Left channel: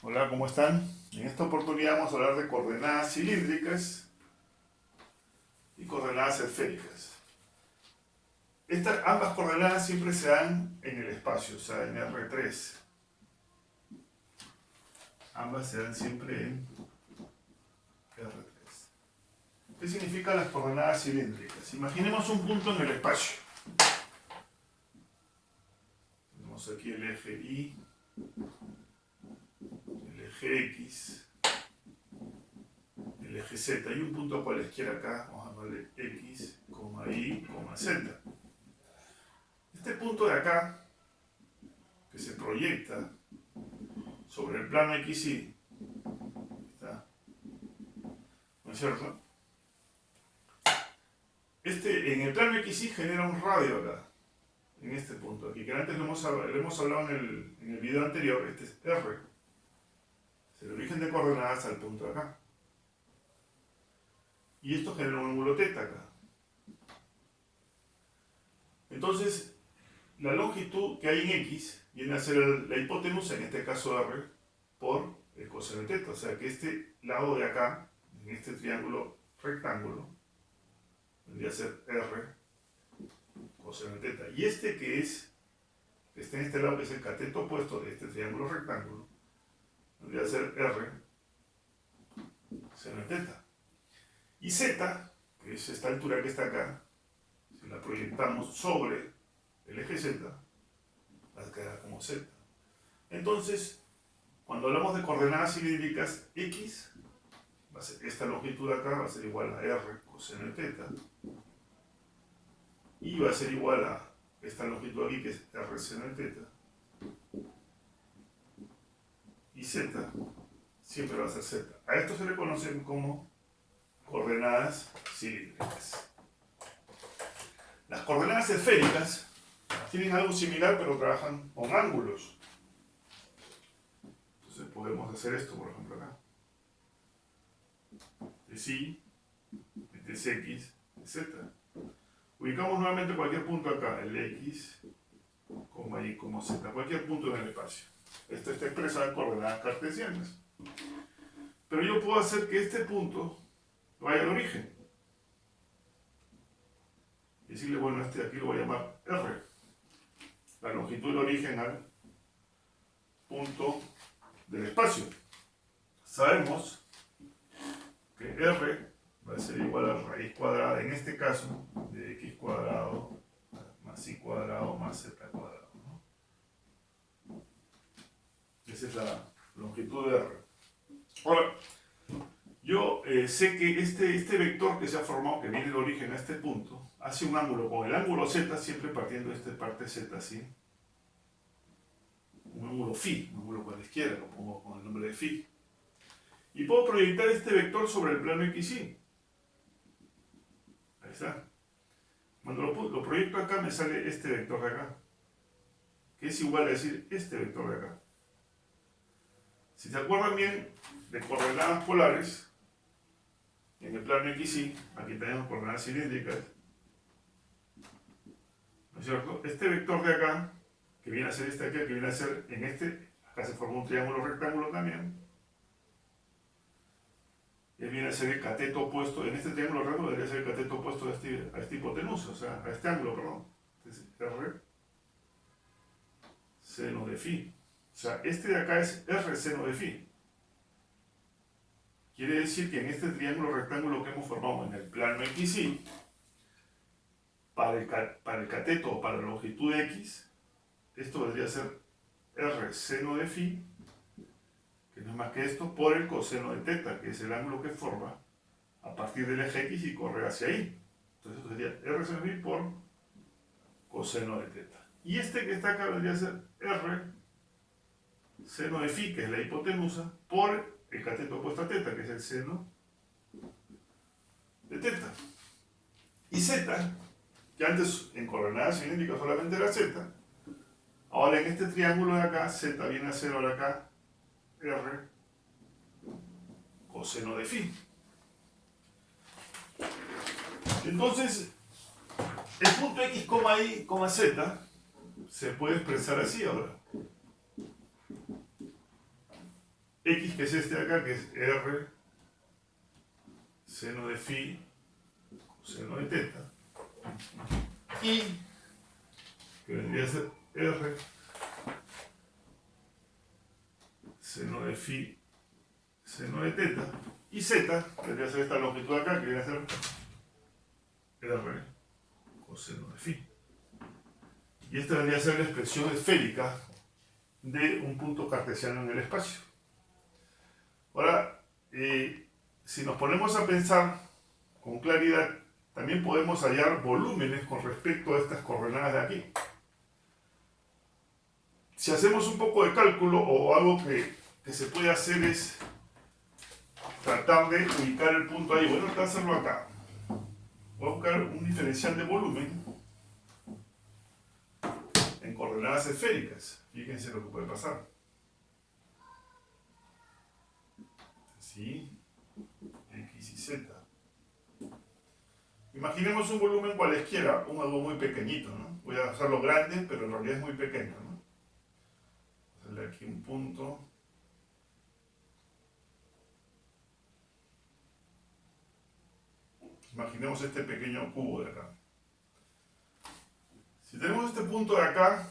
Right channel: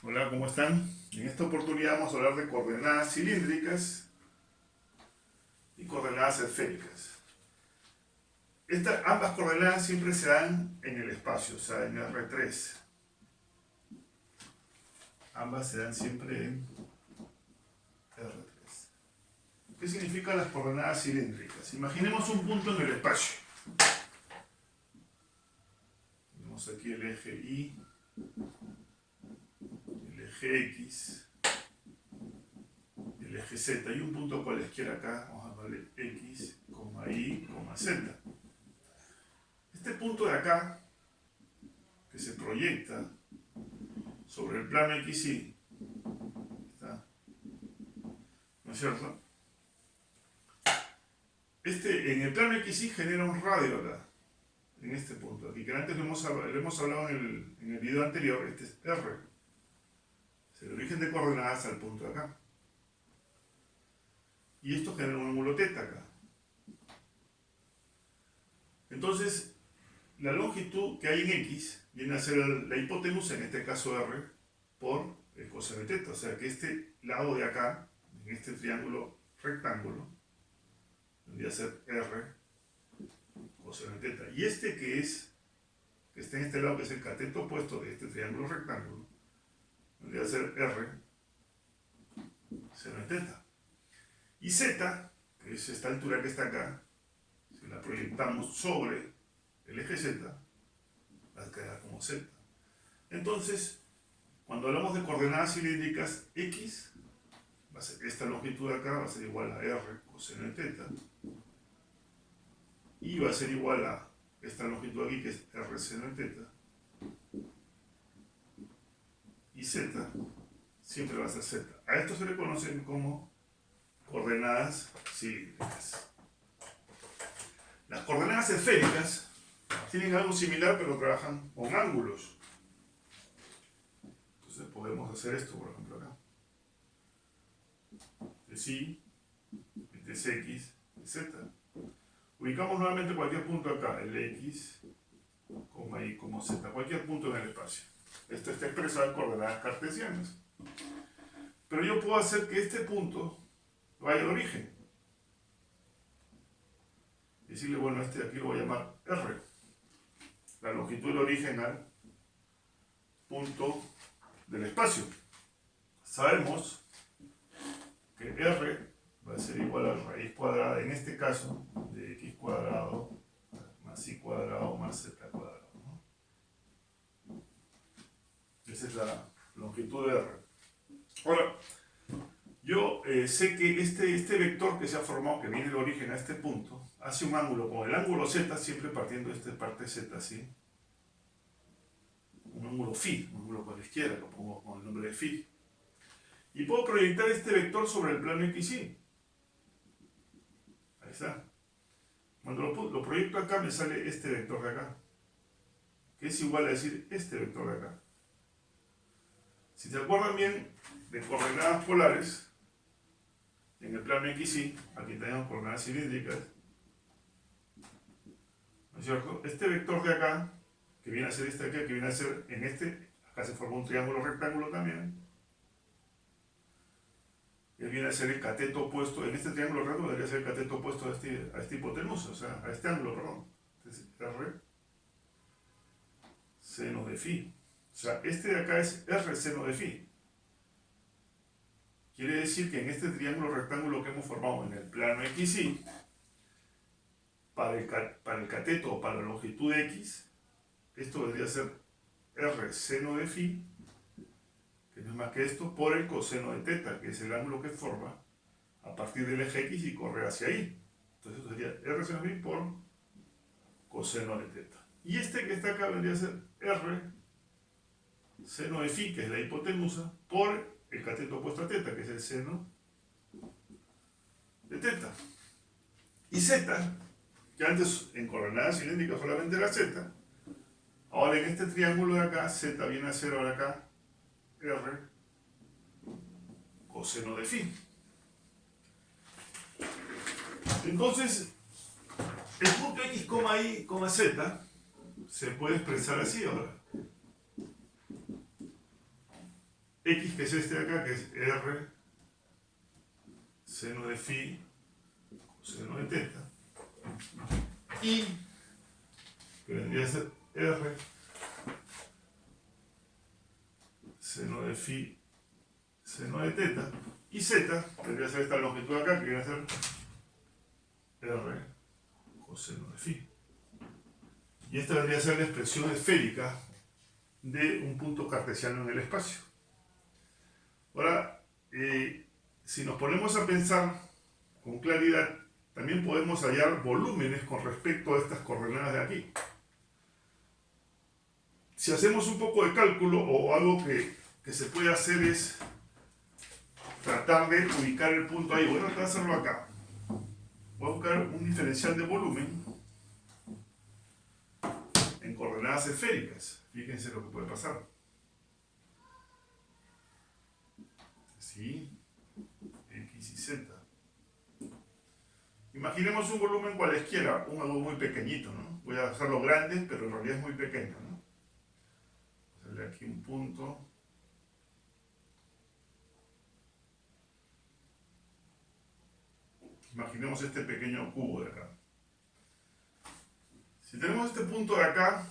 Hola, ¿cómo están? En esta oportunidad vamos a hablar de coordenadas cilíndricas y coordenadas esféricas. Ambas coordenadas siempre se dan en el espacio, o sea, en R3. Ambas se dan siempre en R3. ¿Qué significan las coordenadas cilíndricas? Imaginemos un punto en el espacio. Tenemos aquí el eje Y, el eje X, el eje Z y un punto cualesquiera acá, vamos a llamarle X, Y, Z. Este punto de acá, que se proyecta sobre el plano XY, ¿está? ¿No es cierto? En el plano XY genera un radio acá, en este punto aquí, que antes lo hemos hablado en el video anterior. Este es R, es el origen de coordenadas al punto de acá. Y esto genera un ángulo θ acá. Entonces, la longitud que hay en X viene a ser la hipotenusa, en este caso R, por el coseno de θ. O sea que este lado de acá, en este triángulo rectángulo, vendría a ser R coseno de θ. Y este que está en este lado, que es el cateto opuesto de este triángulo rectángulo, vendría a ser R seno de θ. Y Z, que es esta altura que está acá, si la proyectamos sobre el eje Z, va a quedar como Z. Entonces, cuando hablamos de coordenadas cilíndricas, X, va a ser esta longitud de acá, va a ser igual a R coseno de θ, y va a ser igual a esta longitud aquí, que es R seno de θ, y Z siempre va a ser Z. A esto se le conocen como coordenadas cilíndricas. Las coordenadas esféricas tienen algo similar, pero trabajan con ángulos. Entonces podemos hacer esto, por ejemplo, acá. Este es Y, este es X, Z. Ubicamos nuevamente cualquier punto acá, el X, Y, Z, cualquier punto en el espacio. Esto está expresado en coordenadas cartesianas. Pero yo puedo hacer que este punto vaya al origen. Y decirle, bueno, este aquí lo voy a llamar R. La longitud del origen al punto del espacio. Sabemos que R va a ser igual a raíz cuadrada, en este caso, de X cuadrado más Y cuadrado más Z cuadrado, ¿no? Esa es la longitud de R. Ahora, yo sé que este vector que se ha formado, que viene del origen a este punto, hace un ángulo con el ángulo Z, siempre partiendo de esta parte Z, ¿sí? Un ángulo φ, un ángulo con la izquierda, lo pongo con el nombre de φ. Y puedo proyectar este vector sobre el plano XY. Ahí está. Cuando lo proyecto acá, me sale este vector de acá, que es igual a decir este vector de acá. Si se acuerdan bien de coordenadas polares, en el plano XY, aquí tenemos coordenadas cilíndricas, ¿no es cierto? Este vector de acá, que viene a ser este aquí, que viene a ser en este, acá se forma un triángulo rectángulo también, y viene a ser el cateto opuesto, en este triángulo rectángulo debería ser el cateto opuesto a esta hipotenusa, o sea, a este ángulo, perdón. Entonces, R seno de φ. O sea, este de acá es R seno de φ. Quiere decir que en este triángulo rectángulo que hemos formado en el plano XY, para el cateto o para la longitud de X, esto vendría a ser R seno de φ, que no es más que esto, por el coseno de θ, que es el ángulo que forma a partir del eje X y corre hacia ahí. Entonces esto sería R seno de φ por coseno de θ. Y este que está acá vendría a ser R seno de φ, que es la hipotenusa, por el cateto opuesto a θ, que es el seno de θ. Y Z, que antes en coordenadas cilíndricas solamente era Z, ahora en este triángulo de acá, Z viene a ser ahora acá R coseno de φ. Entonces, el punto X, Y, Z se puede expresar así ahora. X, que es este de acá, que es R seno de phi coseno de teta, y que vendría a ser R seno de phi seno de teta, y Z vendría a ser esta longitud de acá, que viene a ser R coseno de phi. Y esta vendría a ser la expresión esférica de un punto cartesiano en el espacio. Ahora, si nos ponemos a pensar con claridad, también podemos hallar volúmenes con respecto a estas coordenadas de aquí. Si hacemos un poco de cálculo, o algo que se puede hacer es tratar de ubicar el punto ahí. Voy a tratar de hacerlo acá. Voy a buscar un diferencial de volumen en coordenadas esféricas. Fíjense lo que puede pasar. ¿Sí? X y Z. Imaginemos un volumen cualesquiera, algo muy pequeñito, ¿no? Voy a hacerlo grande, pero en realidad es muy pequeño, ¿no? Voy a hacerle aquí un punto. Imaginemos este pequeño cubo de acá. Si tenemos este punto de acá,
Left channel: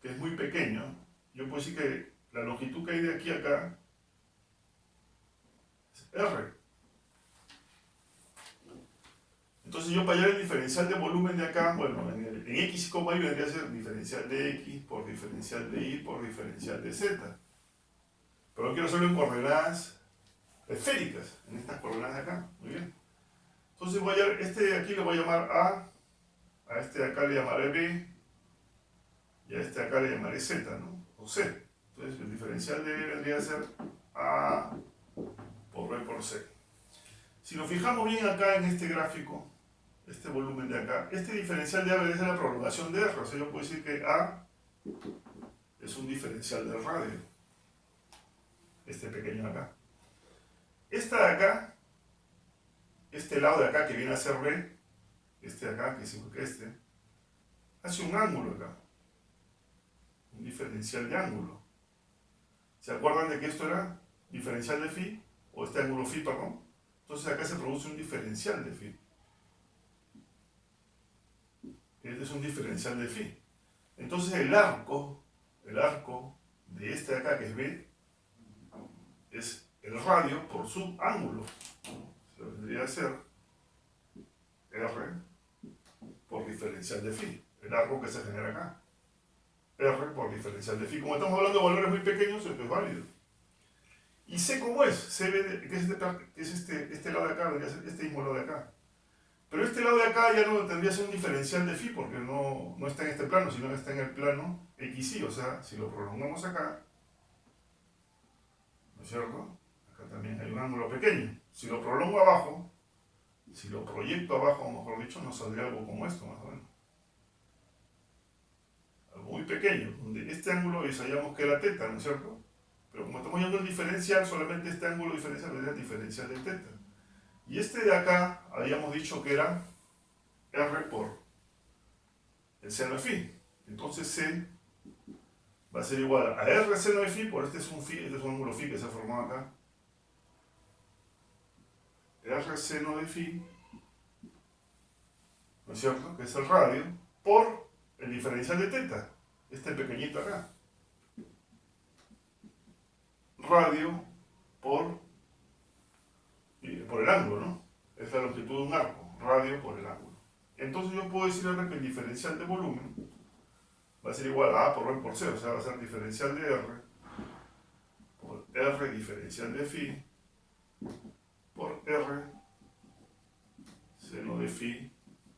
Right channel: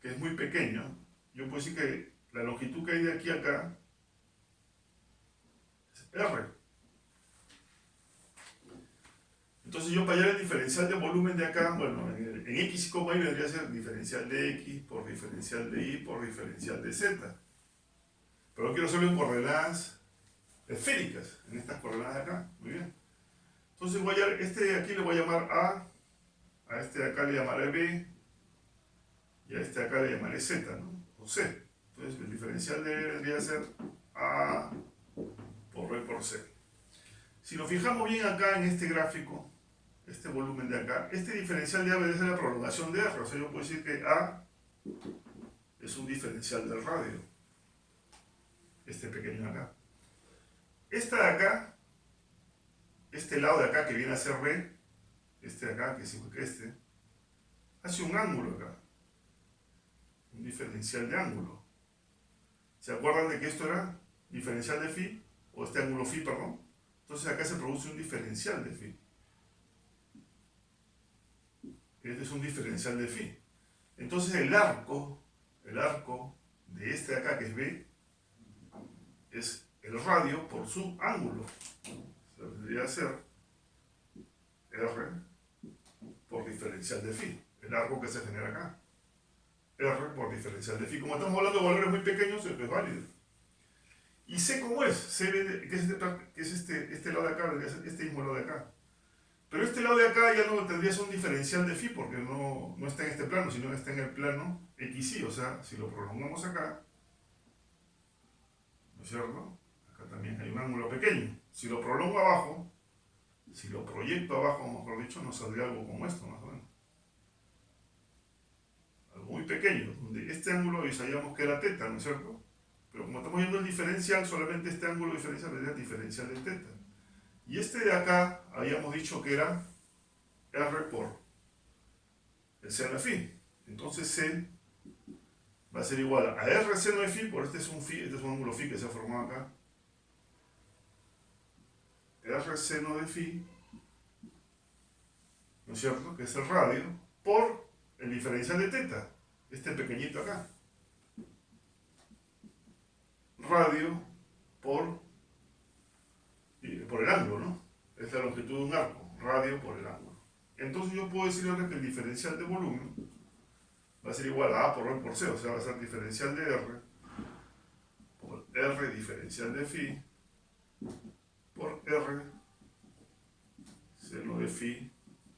que es muy pequeño, yo puedo decir que la longitud que hay de aquí a acá es R. Entonces yo para hallar el diferencial de volumen de acá, bueno, en X, y vendría a ser diferencial de X por diferencial de Y por diferencial de Z. Pero yo quiero hacerlo en coordenadas esféricas, en estas coordenadas de acá. Muy bien. Entonces voy a hallar, este de aquí le voy a llamar a este de acá le llamaré B, y a este de acá le llamaré Z, ¿no? O C. Entonces el diferencial de B vendría a ser A por B por C. Si nos fijamos bien acá en este gráfico, este volumen de acá, este diferencial de A vendría a ser la prolongación de R. O sea, yo puedo decir que A es un diferencial del radio. Este pequeño de acá. Esta de acá, este lado de acá que viene a ser B, este de acá, que es igual que este, hace un ángulo acá. Un diferencial de ángulo. ¿Se acuerdan de que esto era diferencial de phi? O este ángulo phi, perdón. Entonces acá se produce un diferencial de phi. Este es un diferencial de phi. Entonces el arco de este de acá, que es B, es el radio por su ángulo. Se debería ser R por diferencial de phi. El arco que se genera acá. R por diferencial de phi. Como estamos hablando de valores muy pequeños, es válido. ¿Y C cómo es? C, que es este lado de acá, debería ser este mismo lado de acá. Pero este lado de acá ya no tendría que ser un diferencial de phi, porque no está en este plano, sino que está en el plano XY. O sea, si lo prolongamos acá, ¿no es cierto? Acá también hay un ángulo pequeño. Si lo prolongo abajo, si lo proyecto abajo, mejor dicho, nos saldría algo como esto, más o menos. Algo muy pequeño, donde este ángulo ya sabíamos que era teta, ¿no es cierto? Pero como estamos viendo el diferencial, solamente este ángulo diferencial es el diferencial de teta. Y este de acá, habíamos dicho que era R por el seno de phi. Entonces C va a ser igual a R seno de phi, por este es un phi, este es un ángulo phi que se ha formado acá. R seno de phi, ¿no es cierto? Que es el radio, por el diferencial de teta, este pequeñito acá. Radio por el ángulo, ¿no? Es la longitud de un arco, radio por el ángulo. Entonces yo puedo decir ahora que el diferencial de volumen va a ser igual a A por B por C, o sea, va a ser diferencial de R por R diferencial de phi por R seno de phi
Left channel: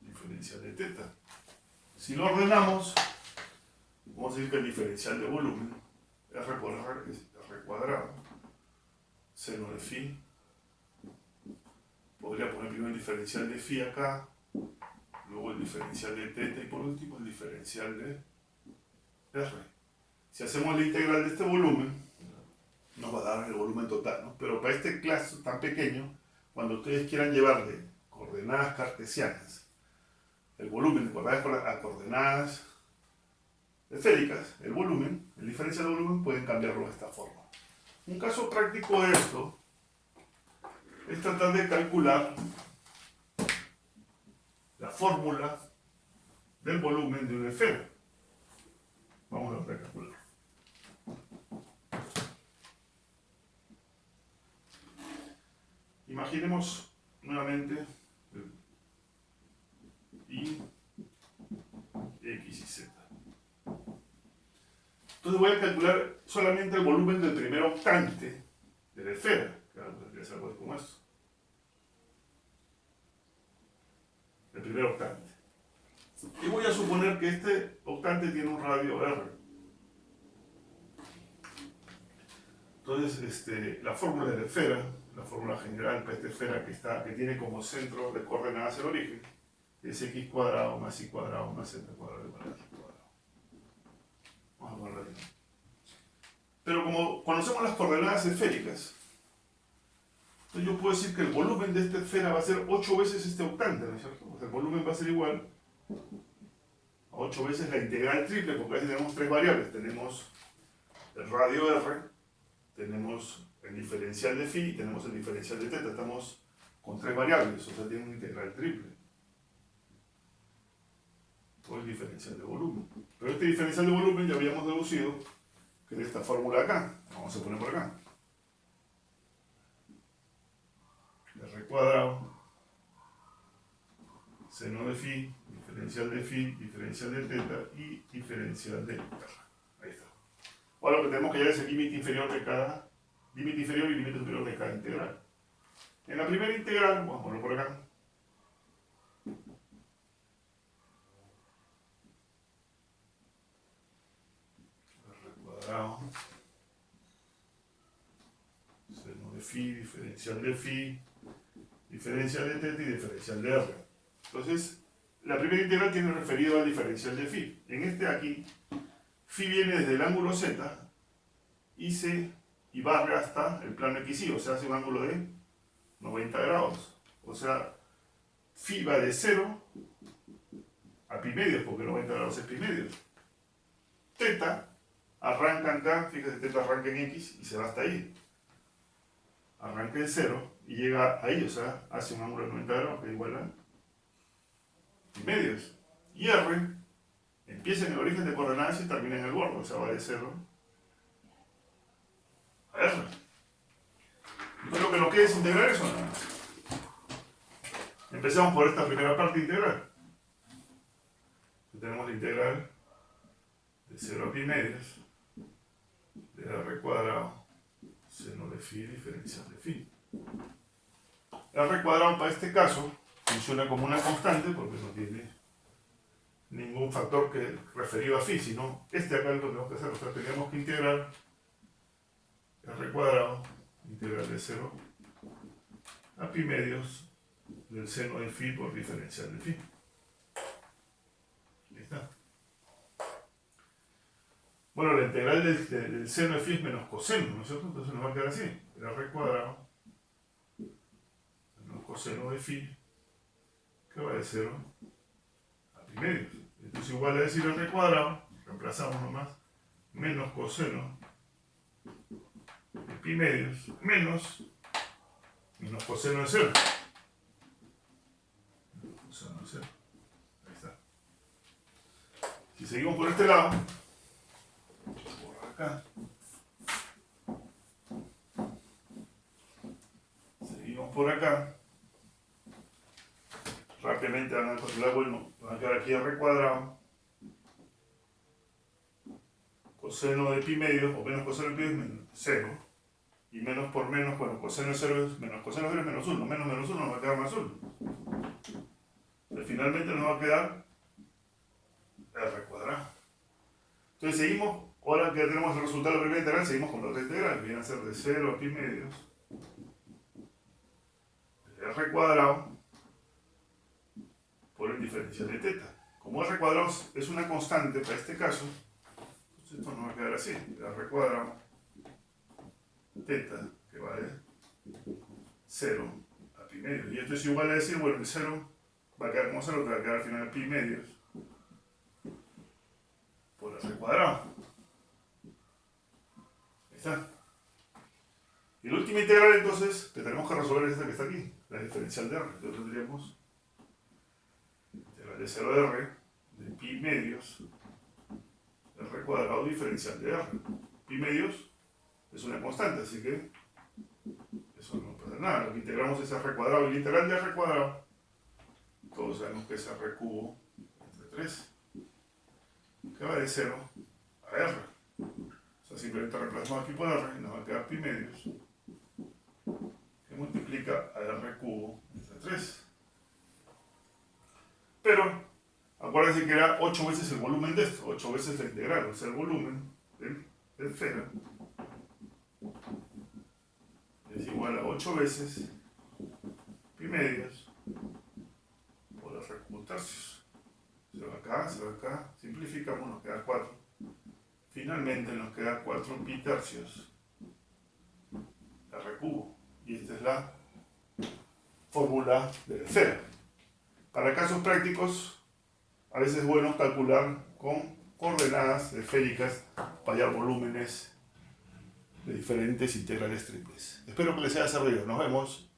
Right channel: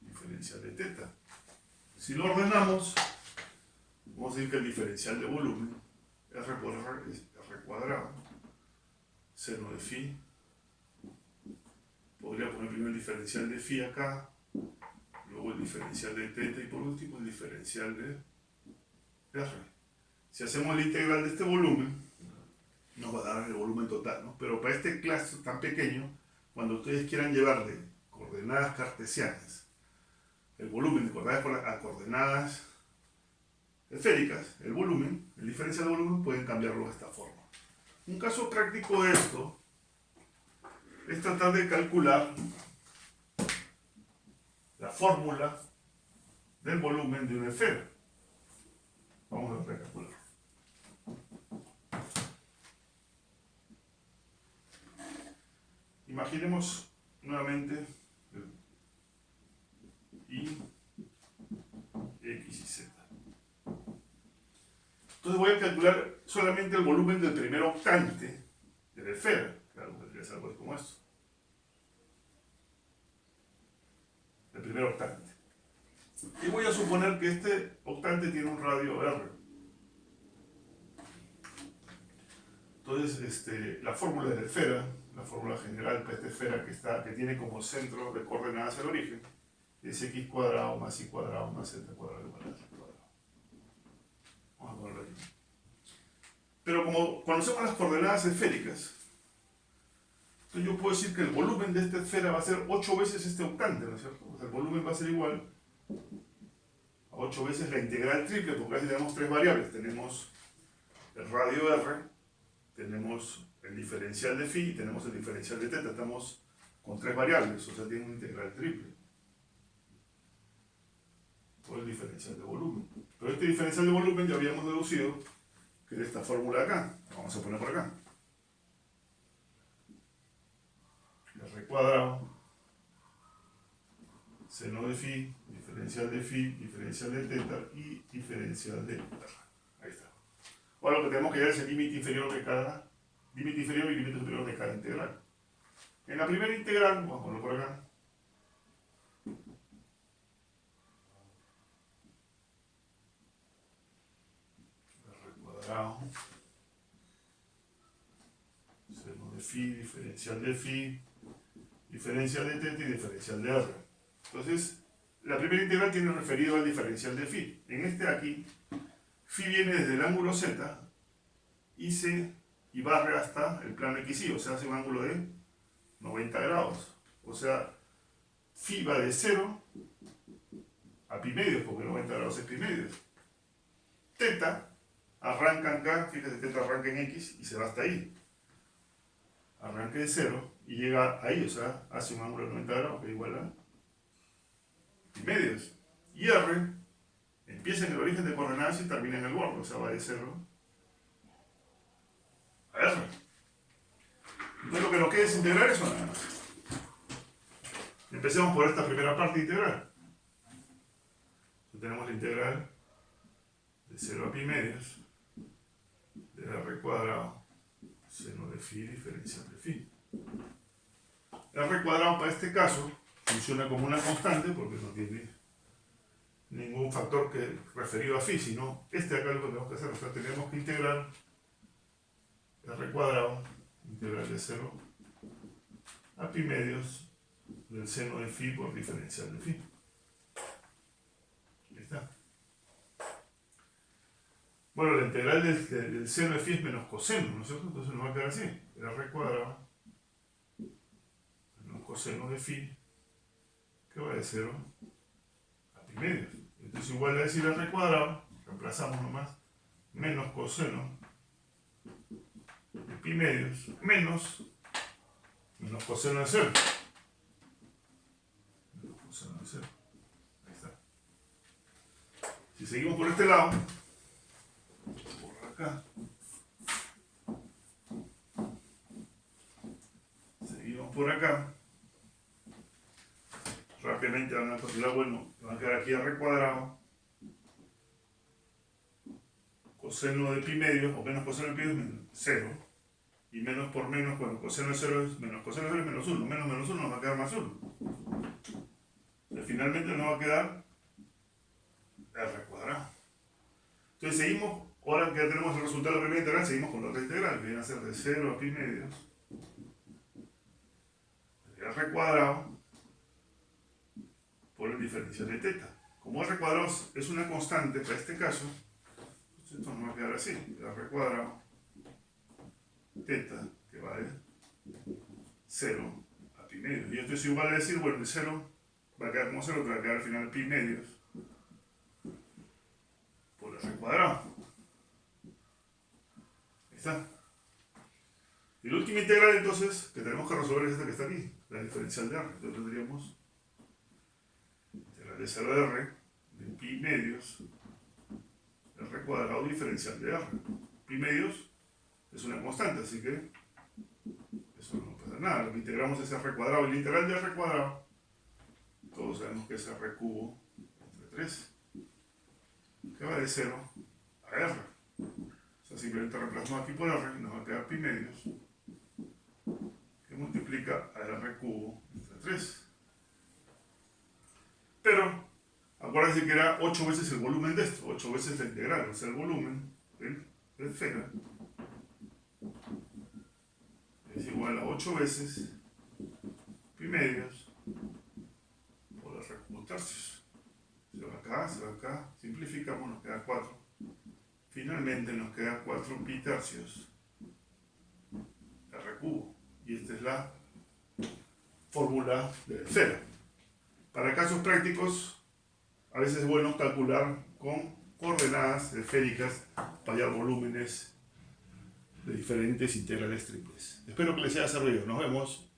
diferencial de teta. Si lo ordenamos, vamos a decir que el diferencial de volumen, R por R es R cuadrado, seno de phi. Podría poner primero el diferencial de phi acá, luego el diferencial de teta y por último el diferencial de R. Si hacemos la integral de este volumen, nos va a dar el volumen total, ¿no? Pero para este caso tan pequeño, cuando ustedes quieran llevarle coordenadas cartesianas, el volumen de coordenadas a coordenadas esféricas, el volumen, el diferencial de volumen, pueden cambiarlo de esta forma. Un caso práctico de esto es tratar de calcular la fórmula del volumen de una esfera. Vamos a recalcular. Imaginemos nuevamente y x y z. Entonces voy a calcular solamente el volumen del primer octante de la esfera. Claro, tendría que ser algo como esto. El primer octante. Y voy a suponer que este octante tiene un radio R. Entonces, la fórmula de la esfera, la fórmula general para esta esfera que tiene como centro de coordenadas el origen, es x cuadrado más y cuadrado más z cuadrado igual a y cuadrado. Vamos a ponerlo ahí. Pero como conocemos las coordenadas esféricas, entonces yo puedo decir que el volumen de esta esfera va a ser 8 veces este octante, ¿no es cierto? O sea, el volumen va a ser igual a 8 veces la integral triple, porque aquí tenemos tres variables. Tenemos el radio R, tenemos el diferencial de phi y tenemos el diferencial de teta. Estamos con tres variables, o sea, tiene una integral triple. O el diferencial de volumen. Pero este diferencial de volumen ya habíamos deducido que es esta fórmula de acá. Vamos a poner por acá. R cuadrado, seno de phi, diferencial de teta y diferencial de R. Ahí está. Ahora lo que tenemos que hallar es el límite inferior de cada, límite inferior y límite superior de cada integral. En la primera integral, vamos a ponerlo por acá. R cuadrado, seno de phi, diferencial de teta y diferencial de R. Entonces, la primera integral tiene referido al diferencial de phi. En este aquí, phi viene desde el ángulo z y barre hasta el plano XY, o sea, hace un ángulo de 90 grados. O sea, phi va de 0 a pi medios, porque 90 grados es pi medios. Teta arranca acá, fíjate, teta arranca en X y se va hasta ahí. Arranca de 0 y llega ahí, o sea, hace un ángulo de 90 grados que es igual a pi medios. Y R empieza en el origen de coordenadas y termina en el borde, o sea, va de 0 a R. Entonces lo que nos queda es integrar eso nada más. Empecemos por esta primera parte integral. Entonces tenemos la integral de 0 a pi medios de R cuadrado seno de phi diferencial de phi. R cuadrado para este caso funciona como una constante porque no tiene ningún factor que referido a phi, sino este acá es lo que tenemos que hacer. O sea, tenemos que integrar R cuadrado, integral de 0 a pi medios del seno de phi por diferencial de phi. Ahí está. Bueno, la integral del seno de phi es menos coseno, ¿no es cierto? Entonces nos va a quedar así. R cuadrado menos coseno de phi, que va de 0 a pi medios. Entonces igual a decir R cuadrado, reemplazamos nomás, menos coseno de pi medios, menos coseno de 0. Menos coseno de 0. Ahí está. Si seguimos por este lado, por acá, seguimos por acá, rápidamente van a calcular, bueno, van a quedar aquí R cuadrado, coseno de pi medios, o menos coseno de pi medios, menos 0, y menos por menos, bueno, coseno de 0 es menos coseno de 0 es menos 1, menos 1 nos va a quedar más 1. Entonces finalmente nos va a quedar R cuadrado. Entonces seguimos, ahora que ya tenemos el resultado de la primera integral, seguimos con la otra integral, que viene a ser de 0 a pi medios de R cuadrado por el diferencial de teta. Como R cuadrado es una constante para este caso, entonces esto nos va a quedar así, R cuadrado teta, que va de 0 a pi medios. Y esto es igual a decir, bueno, el 0 va a quedar como 0, que va a quedar al final pi medios por R cuadrado. Ahí está. Y la última integral entonces que tenemos que resolver es esta que está aquí, la diferencial de R. Entonces tendríamos integral de 0 de R de pi medios R cuadrado diferencial de R. Pi medios es una constante, así que eso no pasa nada. Lo que integramos es R cuadrado y la integral de R cuadrado, todos sabemos que es R cubo entre 3, que va de 0 a R. O sea, simplemente reemplazamos aquí por R y nos va a quedar pi medios, que multiplica a R cubo entre 3. Pero, acuérdense que era 8 veces el volumen de esto, 8 veces la integral, o sea, el volumen del esfera es igual a 8 veces pi medios por R cubo tercios. Se va acá, simplificamos, nos queda 4. Finalmente nos queda 4 pi tercios R cubo. Y esta es la fórmula de la esfera. Para casos prácticos, a veces es bueno calcular con coordenadas esféricas para hallar volúmenes de diferentes integrales triples. Espero que les haya servido. Nos vemos.